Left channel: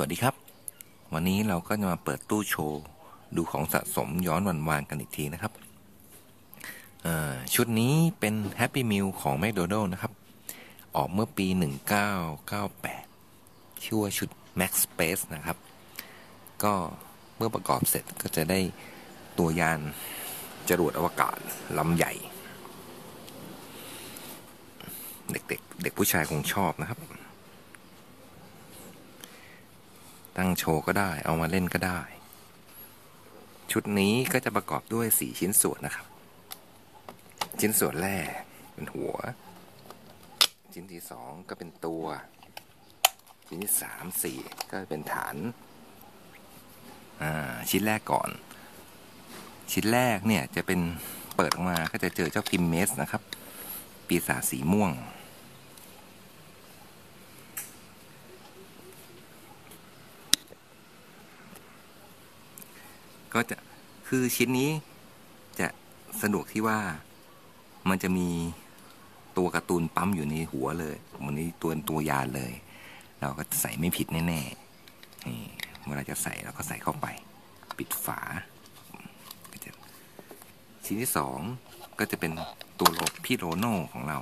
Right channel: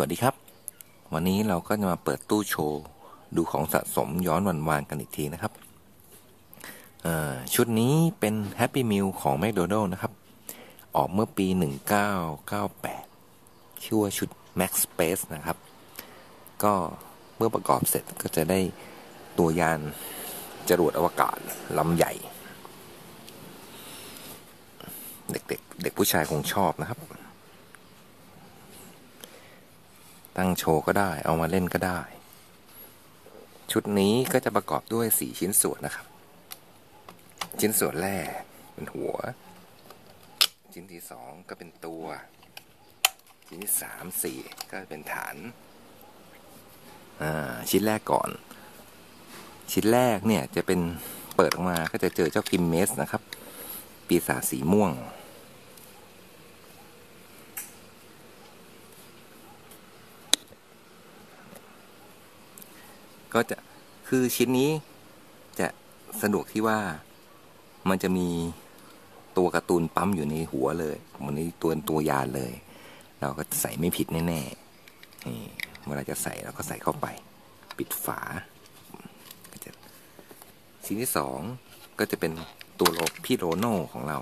วัสดีครับ วันนี้เราก็จะมาเปิดตู้โชว์ ดูของสะสมย้อนวันวานกันอีกทีนะครับ ชุดนี้เป็น Happy Meal ของ McDonald นะครับ ออกเมื่อปี 1998 ชื่อว่าชุด Max Space นะครับ ก็เมื่อประกอบเสร็จก็จะได้ตัวยานจรวดอวกาศลำใหญ่ เด็กๆเด็กผู้ชายคงชอบนะครับ ตั้งโชว์ก็ได้ เอามาเล่นก็ได้ ชุดนี้ก็จะประกอบด้วยสี่ชิ้นส่วนนะครับ ชิ้นส่วนแรกเป็นหัว ชิ้นที่สองก็เป็นตัว ชิ้นที่สามสี่ก็เป็นฐานอ่าชิ้นแรกก่อน ชิ้นแรกเนี่ยจะเป็นเปิดออกมาก็จะเจอเจ้าพิมเมสนะครับ ปีศาจสีม่วง ก็จะคือชิ้นนี้จะสะดวกที่ว่ามันจะมีตัวการ์ตูนปั๊มอยู่ในหัวเลยมันในตัวตัวยานเลย เราก็ใส่ไม่ผิดแน่ๆนี่เมื่อเราจะใส่เราก็ใส่เข้าไป ปิดฝาชิ้นที่สองก็จะเป็นตัวโลพี่โรโน่ของเรา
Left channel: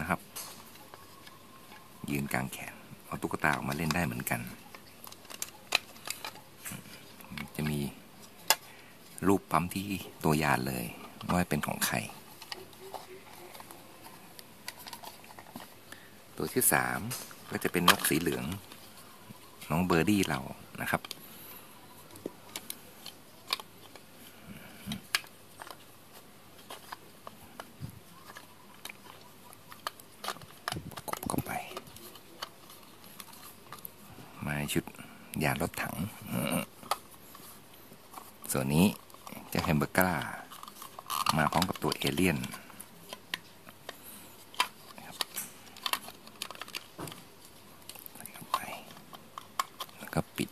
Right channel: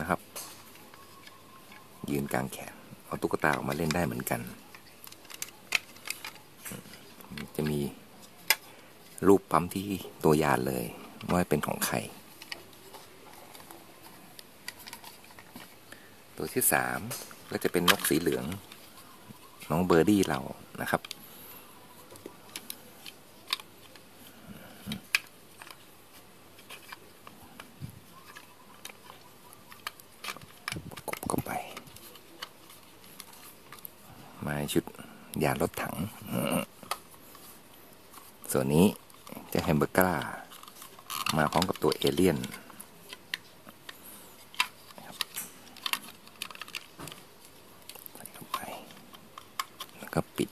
นะครับ ยืนกลางแขน เอาตุ๊กตาออกมาเล่นได้เหมือนกัน จะมี รูปปั๊มที่ตัวยานเลยว่าเป็นของใคร ตัวที่สามก็จะเป็นนกสีเหลือง น้องเบอร์ดี้เรานะครับ กบไป มาชุดยารถถัง ส่วนนี้ จะแฮมเบอร์ก้ามาพร้อมกับตัวเอเลี่ยนใส่เข้าไป แล้วก็ปิด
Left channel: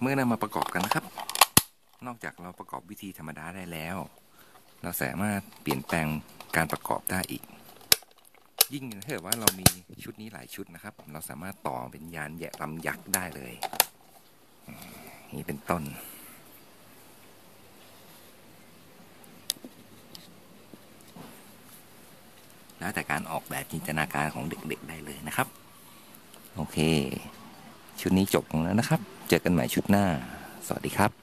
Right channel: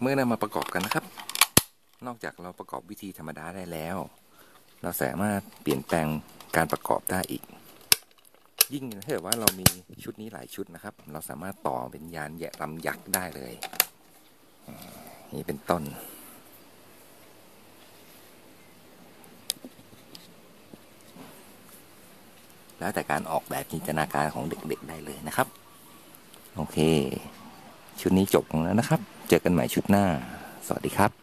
เมื่อนำมาประกอบกันนะครับ นอกจากเราประกอบวิธีธรรมดาได้แล้ว เราสามารถเปลี่ยนแปลงการประกอบได้อีกยิ่งถ้าเกิดว่าเรามีชุดนี้หลายชุดนะครับ เราสามารถต่อเป็นยานแยะลำยักษ์ได้เลย นี่เป็นต้น แล้วแต่การออกแบบจินตนาการของเด็กๆได้เลยนะครับ โอเค ชุดนี้จบแล้วนะครับ เจอกันใหม่ชุดหน้า สวัสดีครับ